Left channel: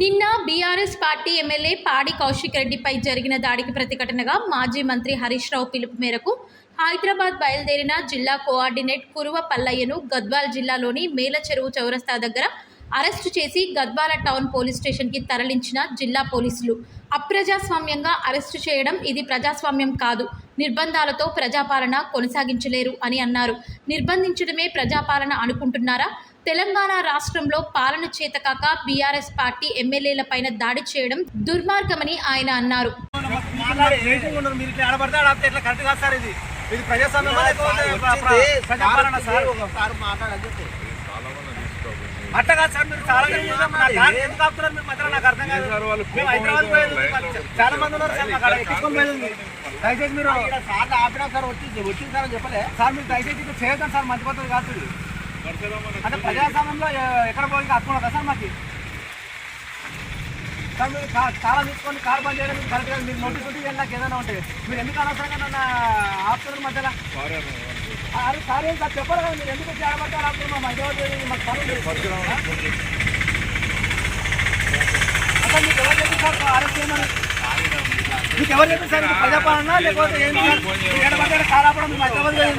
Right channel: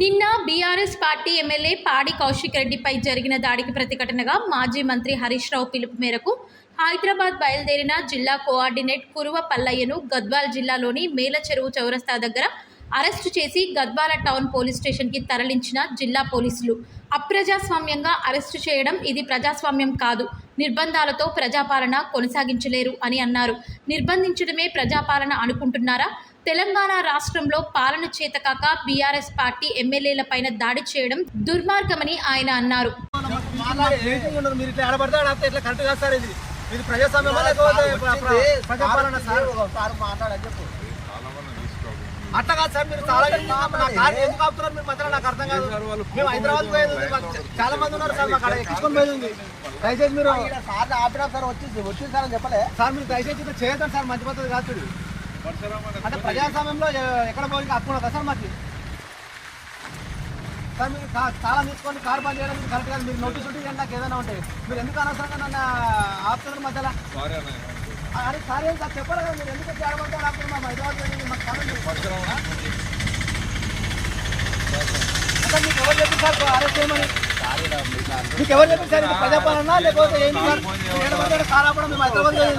నిన్న BRS party MLA పాడి కౌశిక్ రెడ్డిపై జరిగిన దాడికి ప్రతిఘటనగా మాజీ మంత్రి హరీష్ రావు పిలుపు మేరకు హైదరాబాద్ బయలుదేరిన జిల్లా కోఆర్డినేట్ కురువ పల్లయ్యను గద్వాల్ జిల్లాలోని మేలచెరువు చౌరస్తా దగ్గర అరెస్టు చేసి గద్వాల టౌన్ పోలీస్ స్టేషన్కి తరలించిన జిల్లా పోలీసులు. అప్రజాస్వామ్యంగా అరెస్టు చేయడం ఇది ప్రజాస్వామ్యం కాదు, నిర్బంధాలతో ప్రజాపాలన కొనసాగించలేరు అని అన్నారు. నిర్బంధించడమే ప్రజాపాలన అనుకుంటున్నారా? తెలంగాణ రాష్ట్రంలో పాలన చేతకాక బీఆర్ఎస్ పార్టీ ఎమ్మెల్యేలపైన దాడి చేయడం దుర్మార్గమని ఆయన అన్నారు. అట్లా కాదు సార్, మీరు చాలా ఎందుకు ఆపుతున్నారు? మీరు మధ్యలో నాకు అర్థం కాదు. మేము హైదరాబాద్ పోయేది చాలా మంది ఉన్నారు సార్, మాకు ఎక్కించుకొని పోయింది. దయచేసి మీరు సార్ ఆపినా సార్ వచ్చింది సార్ అని చెప్పలే సార్. మీరు దయచేసి ఇది చేయొద్దండి సార్, మంచి పద్ధతి కాదు. అంటే ప్రజాస్వామ్యంలో ఎక్కడ పోయి హక్కు కదా సార్ మాకు. సార్ మీరు చాలా తీసుకొని కార్ బంద్ చేయడం మీరు కరెక్ట్ కాదు. మీరు నోటీస్ ఉంటే నాకు ఏదైనా ఉంటే మీరు ఎందుకు అనవసరంగా నన్ను ఆపుతున్నారు మధ్యలో? అరే సార్ ఏం సార్ చెప్పారు కదా, మీరు ఎందుకు ఆడబడితే ఆపుతున్నారు? మా హైదరాబాద్ మాకు అసలు మీకు ఎవరు చెప్పారు సార్ అరెస్ట్ చేయమని? మీకు ఎవరు చెప్పారు సార్? ఇది ప్రజాపాలన లేకపోతే ఏంటి సార్? ఎడబడితే కార్ ఆపడం మేము హైదరాబాద్ సార్.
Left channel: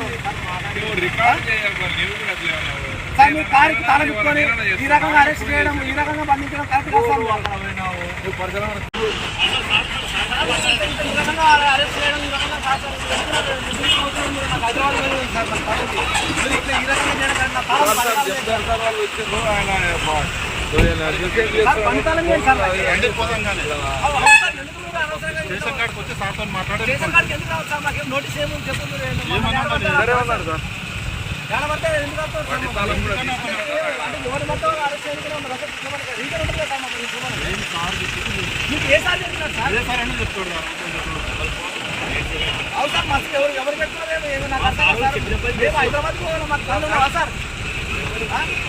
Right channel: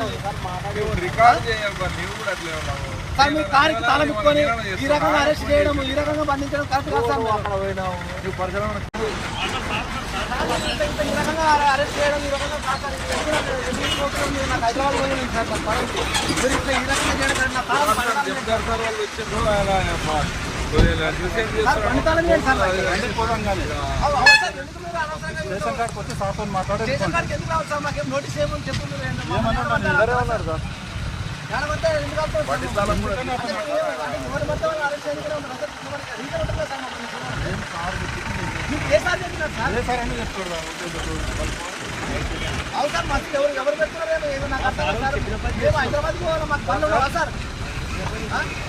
మీరు కారుకి తాళం ఇచ్చుకొని ఈ రకంగా అరెస్ట్ చేయడం, ఈ రకంగా బంధించడం కరెక్ట్ కాదు సార్. ఈ రకంగా అరెస్ట్ చేయడం, ఈ రకంగా కాదు సార్. నాకు హైదరాబాద్ పోయింది సార్, మీరు ఇట్లా ఈ రకంగా చేయడం సార్. పండుతాలని సార్ ఎందుకు మీరు అనవసరంగా రేషన్ కార్డుకి ఎందుకు రావచ్చు సార్? మాకేం నోటీస్ ఏముంది చెప్పు. మీరు ఎడబడితే ఎందుకు వస్తారు సార్? అంటే ఎవరి మొత్తం అరెస్ట్ చేయడానికి రీజన్ ఉంటుంది కదా సార్. మీకు ఏ సార్ చెప్పినారు సార్? అవును సార్, మస్తు ఎవరు పెడుతున్నారు? నాకు అర్థం సార్. మేము హైదరాబాద్కి పోవాలి, మాకు పనులు ఉన్నావా సార్?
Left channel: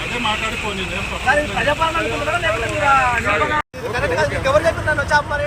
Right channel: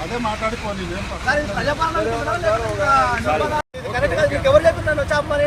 అదే మాట్లాడుకోండి సార్. ప్రజాపాలన అనుకుంటున్నారా లేకపోతే మీరు కరెక్ట్ కాదు? మీకు ఎవరు చెప్తున్నారు వచ్చామని?